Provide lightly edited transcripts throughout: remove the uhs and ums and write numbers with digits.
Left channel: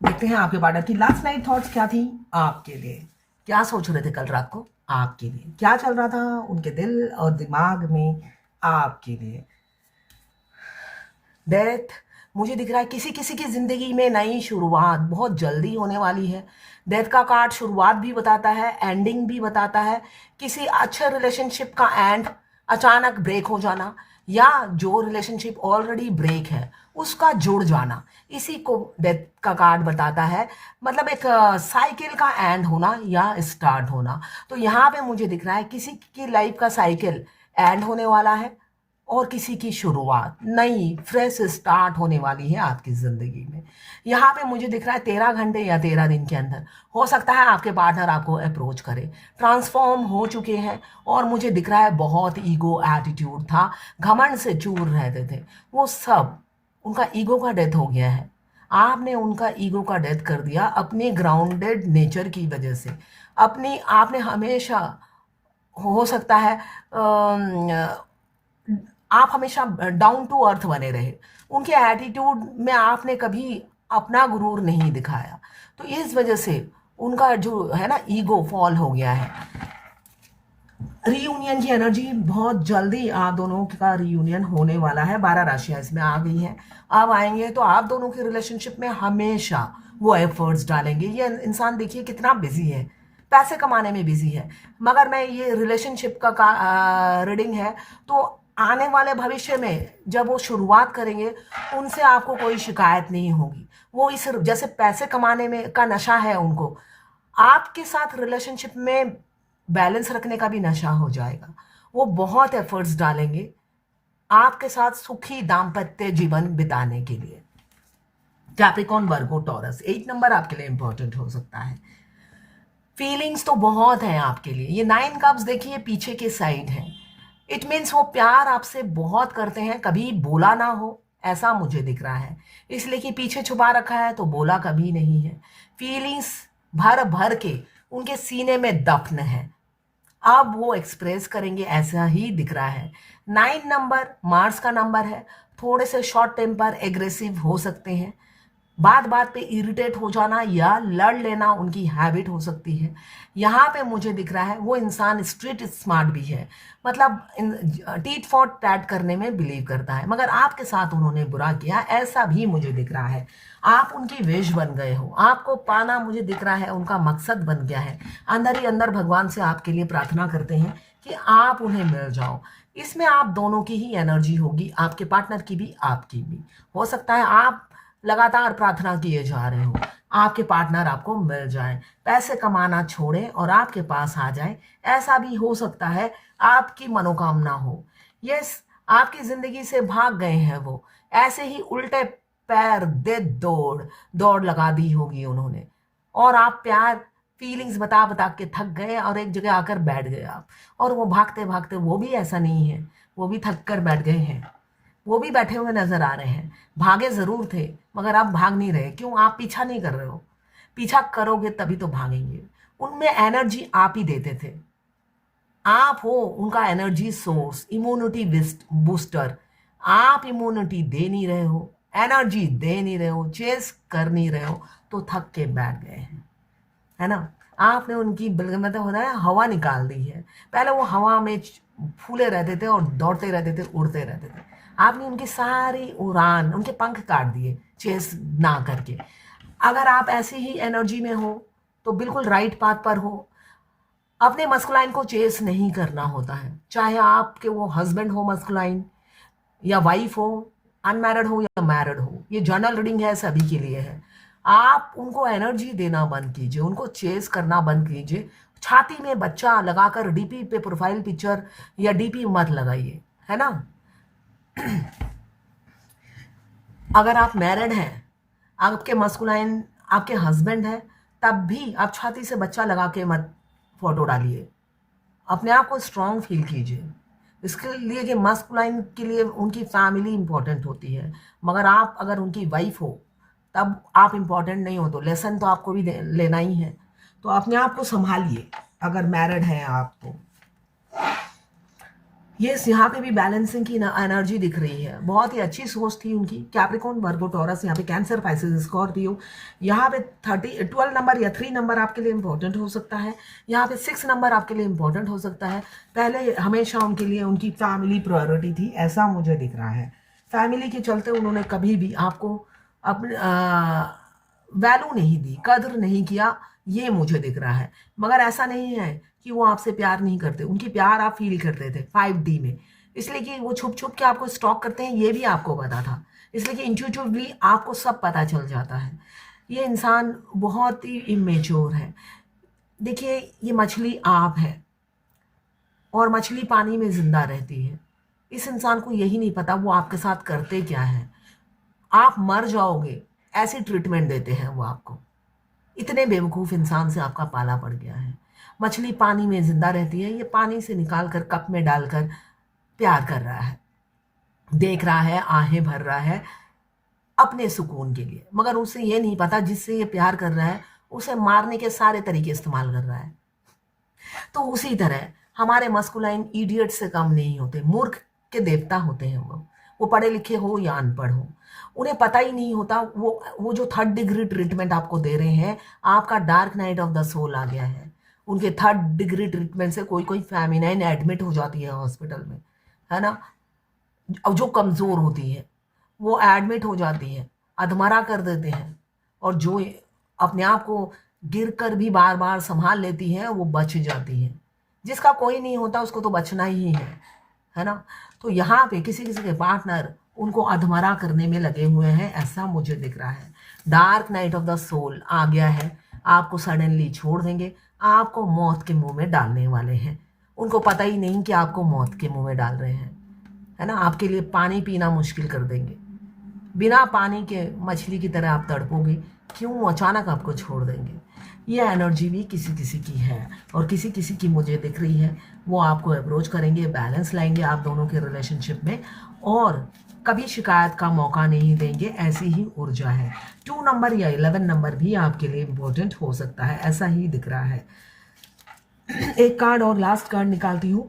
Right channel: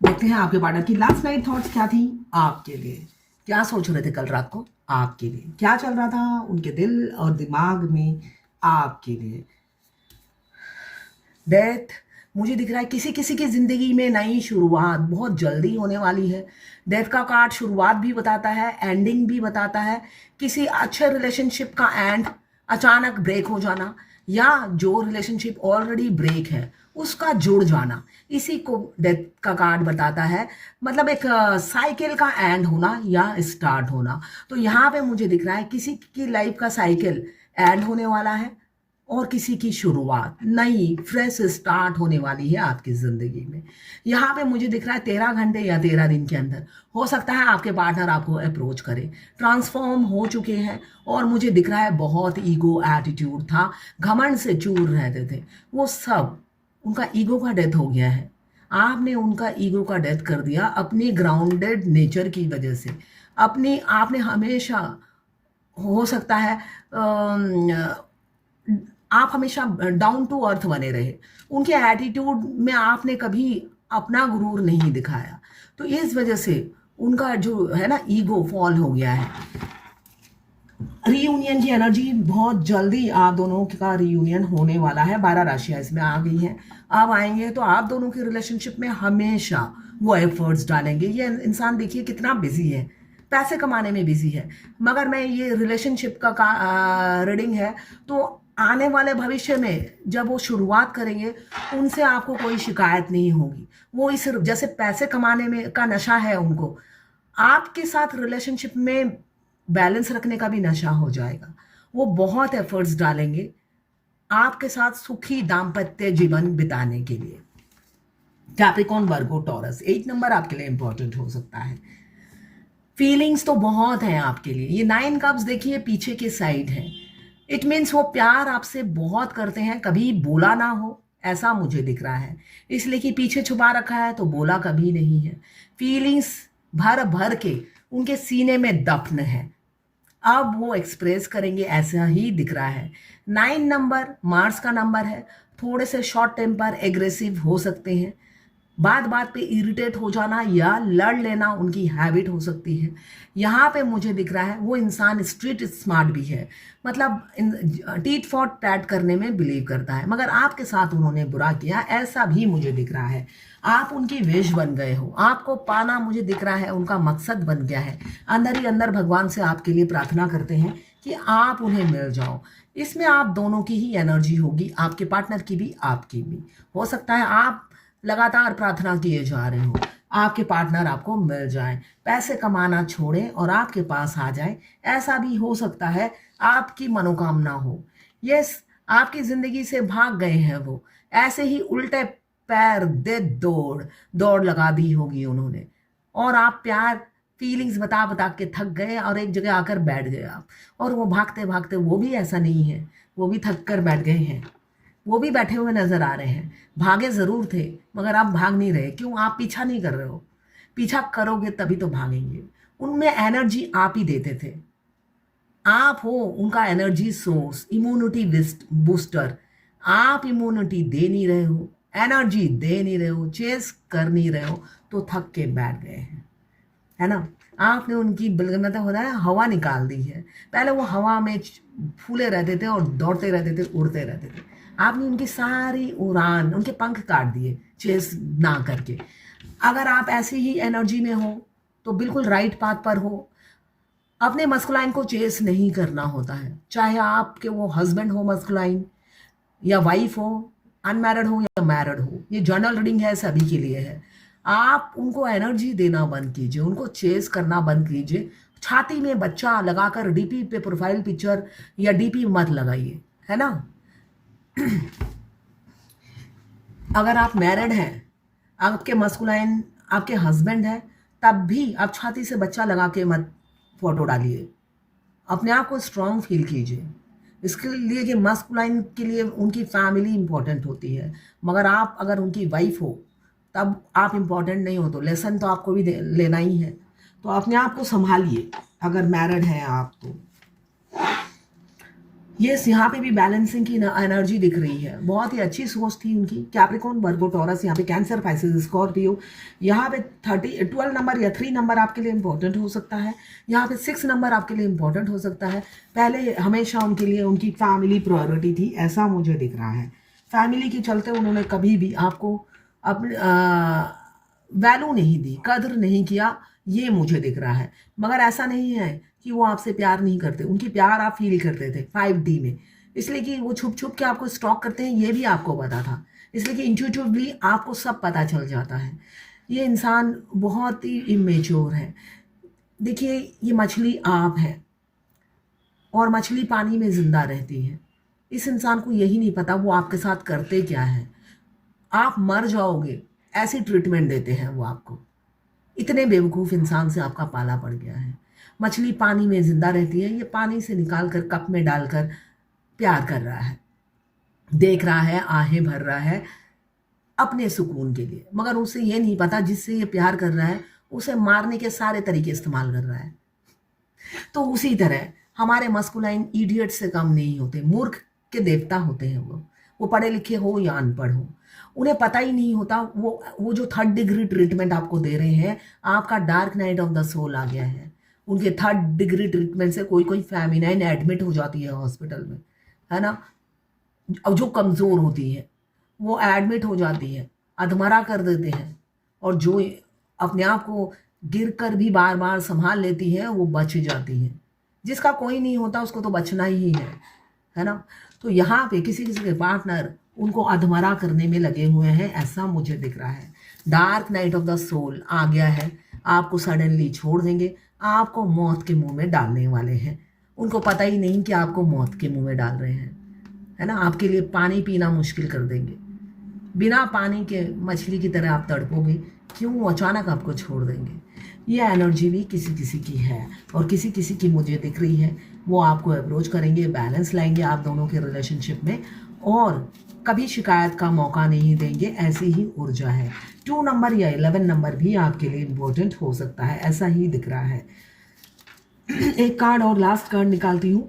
देखते हैं आपके पार्टनर की लास्ट नाइट थॉट्स क्या थी आपके लिए। क्या सोच रहे थे कल रात को आपके लिए, क्या चल रहा था उनके दिल और दिमाग में आपके लिए। डेथ, मुझे दिख रहा है किसी किसी की जिंदगी में नई शुरुआत बहुत जल्दी होने वाली है। डेथ का कार्ड शुरुआत भी बताता है, एंडिंग भी बताता है। किसी अच्छे रिलेशनशिप का एंड, अचानक ब्रेक हो जाना, या जो रिलेशनशिप ऑलरेडी ब्रेक है उसका जुड़ जाना, इसी को डेथ का कार्ड बताता है। मतलब एक साइकिल का एंड होना या स्टार्ट होना। तो यहाँ पे मुझे दिख रहा है किसी की लाइफ का साइकिल एंड होने वाला है और किसी की शुरुआत नई फ्रेश स्टार्ट होने वाली है आपकी ज़िंदगी में। यहाँ पे मुझे दिख रहा है 13 घंटे या 13 दिन के अंदर हो सकता है आपके पार्टनर आपको अप्रोच करे। ट्रांसफॉर्म हो चुके हैं और मुझे दिख रहा है बहुत ईगो एटीट्यूड था, घमंड से चूर रहते थे, वो सब उनका ईगो का डेथ हो गया है। आपने उनका ईगो का डेथ कर दिया अपनी ग्राउंडेड नेचर की वजह से। अपनी आपने हमेशा, हो सकता है आप हमेशा डाउन टू अर्थ बने रहे। उनके एटीट्यूड में आपने कभी अपना गुरूर नहीं दिखाया, तो इस वजह से उनका जो है ना ईगो फॉल हो गया है। रीयूनियन की एनर्जी बहुत जल्दी आप दोनों का रीयूनियन होने वाला है। 12 राशियां इसमें आ गई हैं। अब आएंगे तो आप दोनों के रिलेशनशिप में हमेशा वो एफर्ट्स डालेंगे। ये इंसान देखिए कितना बिजी है, पैसे कमाने में बिजी है, मगर मैं ये रिलेशनशिप का रीडिंग है। तो आने वाले भविष्य में जब वो शुरुआत करेंगे उनसे आपको कोई शिकायत नहीं होगी। वो इस जैसे पैसे कमाने में का नशा है उनको, आपके साथ रिलेशनशिप में बैलेंस रखने का भी नशा हो जाएगा। वो बहुत एफर्ट्स डालेंगे आपके साथ सुखी दाम्पत्य जीवन बिताने के लिए। कैप्रिकॉन, वर्गो, टॉरस, 8 नंबर आपके लिए इंपॉर्टेंट हो सकता है। फीलिंग्स तो बहुत हैं आपके लिए। ये 9 कप्स देखिए पीछे के साइड है। इट मीन्स वो प्यार आपसे बहुत करते हैं, कभी बोला ना हो ऐसा मुझे दिख रहा है, इसलिए कि पीछे छुपा रखा है तो बोला कभी नहीं है। फीलिंग्स भर भर के उनके सीने में दफन है, अब वो एक्सप्रेस करेंगे ऐसा ही दिख रहा है। 9 नंबर मार्स का नंबर है। थोड़े से शॉर्ट टेम्पर, एग्रेसिव हो सकते हैं, बात बात पे इरिटेट हो जाना या लड़ लेना उनकी हैबिट हो सकती है। यहाँ पे मुझे दिख रहा है वो इंसान स्ट्रीट स्मार्ट भी है, मतलब टीट फॉर टैट करने में बिलीव करता है, मगर आपके साथ उन्होंने बुरा किया ऐसा भी मुझे दिख रहा है। आप उनकी विश बन गए हो, आपको पाना मुझे दिख रहा है उनका मकसद बन गया है। अंदर ही अंदर भगवान से आपके लिए प्रार्थना करते हैं कि आप उन्हें मिल जाओ। इसमें आप दोनों की ही एनर्जी होगी, आपके पार्टनर की भी आपकी भी। हो सकता है आप लगातार प्रार्थना किए जा रहे हो आपके पार्टनर आपको मिल जाए, पैसे कमाना छोड़े और आपके पास आ जाए, ऐसा भी हो सकता है आपकी मनोकामना हो। यस, आपकी जिंदगी से भाग गए हैं वो, ऐसे ही उल्टे पैर दे दौड़ दौड़ लगा दी होगी उन्होंने, और आप प्यार फीलिंग्स बता बता के थक गए और एक जगह आकर बैठ गए आप। और वो भागते भागते, वो भी ऐसा नहीं है, वो भी थक कर बैठ गए हैं, वो भी बैठे हुए नजर आ रहे हैं। भागे जरूर थे मगर आप भाग नहीं रहे। क्यों? आप पीछा नहीं कर रहे हो। पीछा करोगे तभी तो भागेंगे। उनमें एनर्जी आप ही देते थे, आप हो उनका एनर्जी सोर्स, इम्यूनिटी बूस्टर। आप इम्यूनिटी दे नहीं रहे हो, एनर्जी दे नहीं रहे हो, चेस कर नहीं रहे हो, तो थक के बैठ गए हैं, है ना। आपने उनकी मतलब होता है हवा निकाल दी है। पहले वो हवा में फूले रहते थे और दौड़ते रहते थे, उड़ते रहते थे। आपने उनकी सारी उड़ान, उनके पंख काट दिए चेस ना करके। अगर आप ऐसी ही एनर्जी में हो तो बिल्कुल राइट पाथ पर हो। अपने मस्कुलाइन को चेस नहीं करना होता है, चाहे आपके वो हस्बैंड हो मस्कुलाइन या वाइफ हो, अनमैरिड हो या मैरिड हो। ये जर्नल रीडिंग है, सभी के लिए है। आप उनको एनर्जी देना बंद कीजिए, उनको चेस करना बंद कीजिए। छाती में बच्चा लगाकर डीपी पे प्रोफाइल पिक्चर या डीपी मत लगाइए, है ना। अगर आप मैरिड हैं, आपके मस्कुलाइन आपके हस्बैंड है, तब भी आप छाती से बच्चा लगा के मत फोटो डालिए। अपने आप को स्ट्रांग फील कीजिए, इसके लिए कि मस्कुलाइन के लिए उनकी फैमिली इंपॉर्टेंट होती है। मगर आप अगर उनकी वाइफ हो तब आप इंपॉर्टेंट नहीं हो, तो लेसन तो आपको भी लेना ही है। तो अपने आप को संभालिए अगर मैरिड हैं आप तो। ये यहाँ पे भी बैलेंसिंग की एनर्जी दिख रही है, बहुत ही अच्छी सोच थी उनकी। कैप्रिकॉर्न, वर्गो, टॉरस, यहाँ पे कैंसर, पाइसेस, स्कॉर्पियो। यहाँ पे 12 नंबर या 3 नंबर आपके लिए इंपॉर्टेंट हो सकता है। यहाँ पे 6 नंबर आपके लिए इंपॉर्टेंट हो सकता है। पहले हमेशा उनके लिए उनकी फैमिली प्रायोरिटी थी, ऐसा मुझे दिख रहा है। फैमिली के चलते उन्होंने कभी भी आपको अपने वैल्यू नहीं दी, कदर नहीं किया, ये मुझे दिख रहा है। मगर ऐसा नहीं है कि वो आपसे प्यार नहीं करते, उनकी प्यार आप फील करते थे 5D में, इसलिए कि वो छुप छुप के आपको स्टॉक करते हैं, ये भी आपको पता था, इसलिए कि इंट्यूटिवली आपको सब पता चल जाता है। ये इंसान बहुत ही इमेच्योर है। देखिए, ये मछली आप है और मछली पानी में जिंदा रहती है। इस इंसान को यही नहीं पता वो आपके साथ करते क्या है। आप मर जाओगे ऐसी ट्रीटमेंट देते हैं वो आपको। इतने बेवकूफ़ इंसान से आपका पाला पड़ गया है। मछली पानी में जिंदा रहती है, ये पानी से निकाल कर कप में डालकर प्यार कर रहा है, देख रहा है, आहें भर रहा है अपने सुकून के लिए। मगर उसे ये नहीं पता जिससे ये प्यार कर रहा है उसे मारने के सारे तरीके इस्तेमाल कर रहा है। तो उसी तरह हमारे मस्कुलाइन इडियट से कम नहीं होते, मूर्ख के देवता होते हैं वो पढ़े लिखे हो या अनपढ़ हो, उन्हें पता ही नहीं होता। वो जो 3rd डिग्री ट्रीटमेंट आपको दे रहे हैं, आपका dark night of the soul आ गया है। उनके 3rd डिग्री ट्रीटमेंट से कोई फेमिनाइन एडमिट हो जाती है हॉस्पिटल में, है ना। अब जो कमज़ोर होती है वो एडमिट हो जाती है, अधमरा कर देते हैं, और जो अपने आप को गिर कर भी बार बार संभाल लेती है वो बच जाती है। जिसका कोई नहीं होता उसको तो बचना ही है ना। तो यहाँ पे किसी किसी के पार्टनर उनको अधमरा करने में लगे हुए हैं, ऐसा मुझे दिख रहा है। Dark night of the soul आ गया है, आपको सडनली छोड़ देंगे, आपको मौत के मुंह में डालने वाले हैं। उनको पता ही नहीं कि आपको मौत के मुंह में डाल रहे हैं, है ना। आपके लिए पानी पीना मुश्किल कर देंगे, बिना पानी के मछली की तरह आप तड़पोगे, क्यों अचानक आपको छोड़ देंगे। ये एनर्जी भी किसी किसी की है, और किसी किसी की मुझे दिख रही है वो आपको अप्रोच करेंगे, बैलेंस लाएंगे आप दोनों के रिलेशनशिप में, और कभी शिकायत का मौका नहीं देंगे, ऐसी ही ऊर्जा है। 2 नंबर या 11 नंबर भी आपके लिए इम्पोर्टेंट हो सकता है, ऐसा ही दिख रहा है। एक कार्ड और लास्ट कार्ड निकालती हूँ,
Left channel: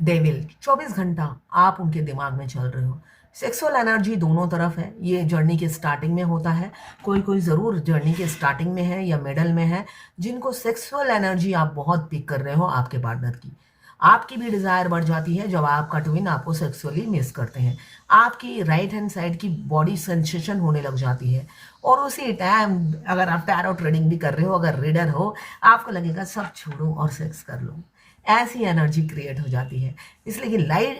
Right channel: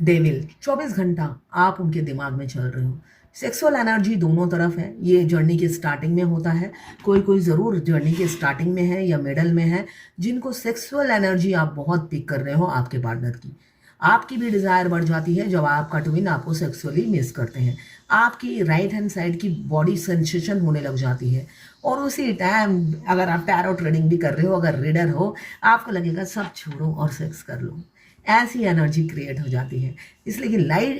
डेविल। 24 घंटा आप उनके दिमाग में चल रहे हो। सेक्सुअल एनर्जी दोनों तरफ है, ये जर्नी के स्टार्टिंग में होता है। कोई ज़रूर जर्नी के स्टार्टिंग में है या मिडल में है, जिनको सेक्सुअल एनर्जी आप बहुत पिक कर रहे हो आपके पार्टनर की। आपकी भी डिज़ायर बढ़ जाती है जब आपका ट्विन आपको सेक्सुअली मिस करते हैं। आपकी राइट हैंड साइड की बॉडी सेंसेशन होने लग जाती है, और उसी टाइम अगर आप टैरो ट्रेडिंग भी कर रहे हो, अगर रीडर हो, आपको लगेगा सब छोड़ो और सेक्स कर लो। ऐसी एनर्जी क्रिएट हो जाती है, इसलिए कि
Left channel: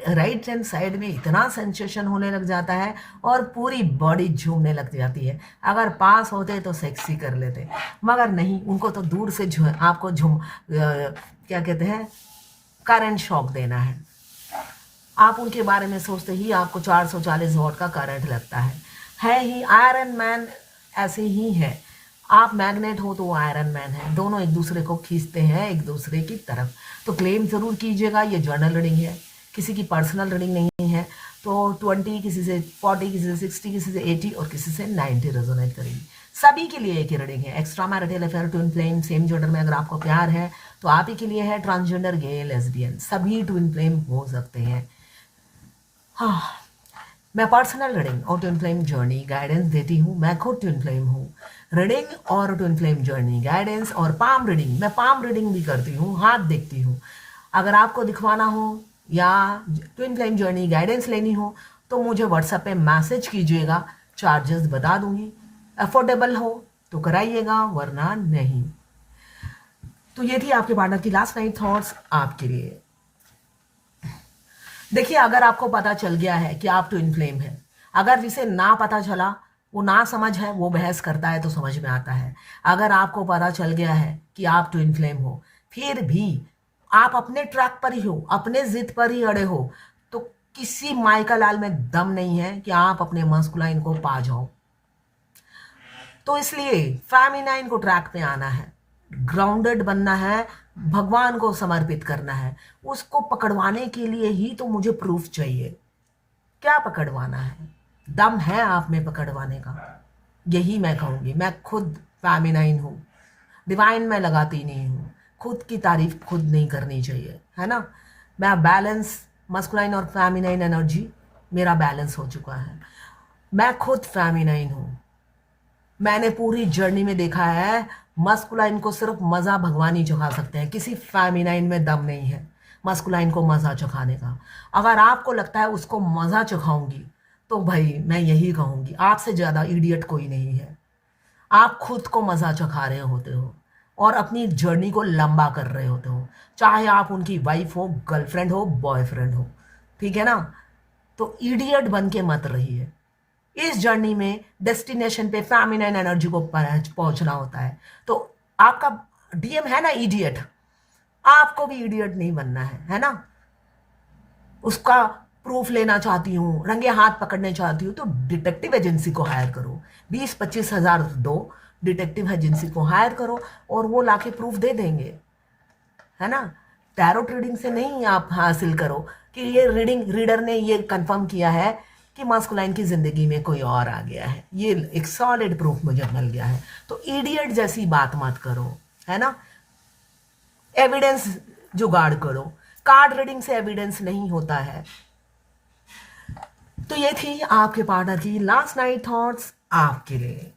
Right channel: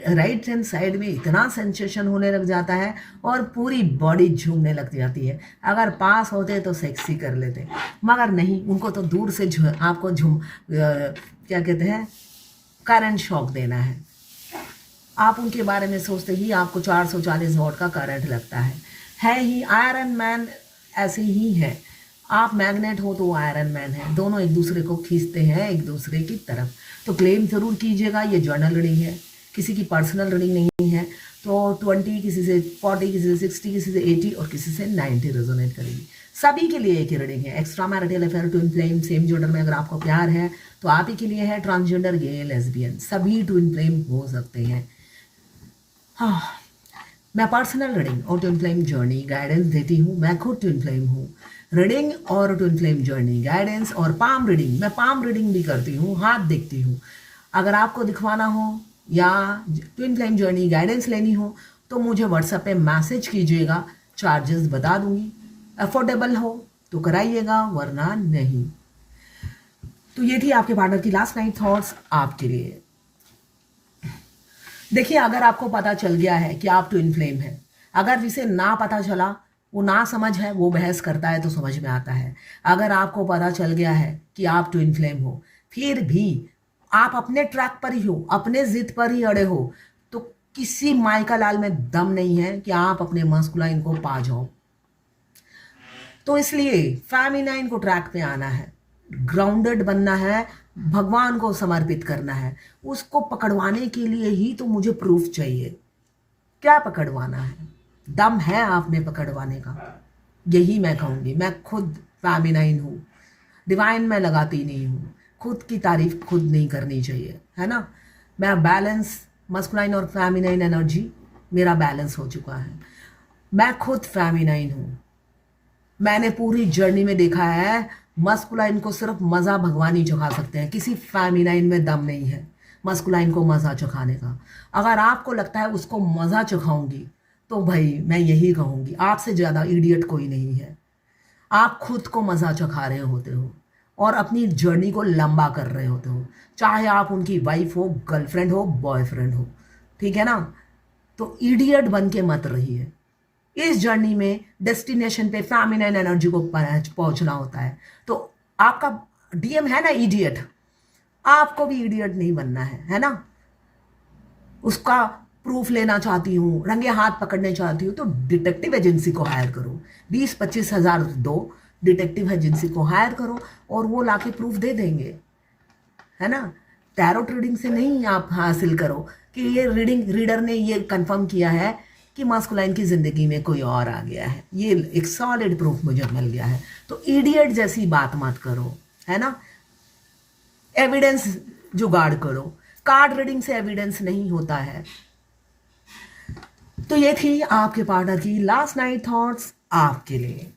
राइट हैंड साइड में इतना सेंसेशन होने लग जाता है और पूरी बॉडी झूमने लग जाती है। अगर पास होते तो सेक्सी कर लेते, मगर नहीं, उनको तो दूर से आपको क्या कहते हैं, करंट शॉक देना है। आप उनके बारे में सोचते ही आपको 440 वॉट का करंट लगता है ही। आयरन मैन ऐसे ही है, आप मैग्नेट हो तो वो आयरन मैन है, दोनों एक दूसरे को खींचते हैं एक दूसरे की तरफ। तो क्लेम ज़रूर कीजिएगा, ये जर्नल रीडिंग है, किसी की पर्सनल रीडिंग नहीं है। तो 20 किसी से 40, किसी से 60, किसी से 80 और किसी से 90 रेजोनेट करेगी। सभी के लिए एक ही रीडिंग है। Extra marital affair, twin flame, same gender में अगर आपको प्यार है तो आप ही के लिए है। ट्रांसजेंडर, गे, लेस्बियन, सभी ट्विन फ्लेम हो सकते हैं। हाँ, मैं पर्सनल रीडिंग और ट्विन फ्लेम जर्नी गाइडेंस देती हूँ। मैं खुद ट्विन फ्लेम हूँ। रीडिंग और ट्विन फ्लेम जर्नी गाइडेंस और पाम रीडिंग, मैं पाम रीडिंग भी करती हूँ, हाथ देखती हूँ। अगर आपको दिखवाना हो या ट्विन फ्लेम जर्नी गाइडेंस लेनी हो तो मुझे व्हाट्सएप पे मैसेज कीजिएगा, चार्जेस बता दूंगी। अफोर्डेबल हो तो कराइएगा, वरना नहीं। तो ये थी आपके पार्टनर की लास्ट नाइट थॉट्स आपके लिए। देखिए, अगर आपको पता चल गया है कि आप ट्विन फ्लेम हैं, अगर जिसे ना पता चला, वो ना समझ है, वो बहस करता है तो समझ में आता है। अगर आपको पता चल गया है कि आप ट्विन फ्लेम हो, फिर भी आप अपने ट्रैक पर ही हो, अपने जिद पर ही अड़े हो, तो किसी माई का लाल में दम नहीं है कि आप अपने मस्कुलाइन को पा जाओ। तो इसलिए फेमिनाइन को ट्रैक पे आना है, ग्राउंडेड बनना है, भगवान को समर्पित करना है। उसको पकड़वाने के लिए ही तो मुझे प्रूफ चाहिए। क्या पकड़वाना है? दम है आप में पकड़वाने का, यही मैं कहूँगी। मैं खुद फेमिनाइन हूँ, डिवाइन मैं लगाती नहीं हूँ। खुद की तारीफ खुद नहीं करनी चाहिए, है ना। मैं बैलेंस मस्कुलाइन और फेमिनाइन एनर्जी मेरा बैलेंस हो चुका है। मैं खुद फेमिनाइन हूँ। मैंने पूरी जर्नी में देखा है मस्कुलाइन को सिर्फ मज़ा भगवान ही चखा सकते हैं, किसी फेमिनाइन में दम नहीं है मस्कुलाइन को मज़ा चखाने का। अगर आपको लगता है उसको मज़ा चखाऊंगी तो भाई मैं यही कहूँगी, आपसे ज़्यादा इडियट कोई नहीं है। आप खुद को मज़ा चखा रहे होते हो और अपनी जर्नी को लंबा कर रहे होते हो, चाहे आप उनकी वाइफ हो, गर्लफ्रेंड हो, बॉयफ्रेंड हो, ठीक है ना। तो इडियट बन के मत रहिए। इस जर्नी में डेस्टिनेशन पे फेमिनाइन एनर्जी को पहुंचना होता है। तो आपका डीएम है ना इडियट, आपको भी इडियट नहीं बनना है ना। उसका प्रूफ लेना चाहती हूँ, रंगे हाथ पकड़ने चाहती हूँ, तो डिटेक्टिव एजेंसी को हायर करो, 20-25 हज़ार दो, डिटेक्टिव एजेंसी को हायर करो और वो लाके प्रूफ दे देंगे, है ना। टैरोट रीडिंग से नहीं आप हासिल करो कि ये रीडर ने ये कंफर्म किया है कि मास्कुलाइन की जिंदगी में कोई और आ गया है, ये एक सॉलिड प्रूफ मुझे मिल गया है। तो इडियट जैसी बात मत करो, है ना। एविडेंस जुगाड़ करो, कार्ड रीडिंग से एविडेंस नहीं होता है। तो ये थी आपके पार्टनर की लास्ट नाइट थॉट्स आपके लिए।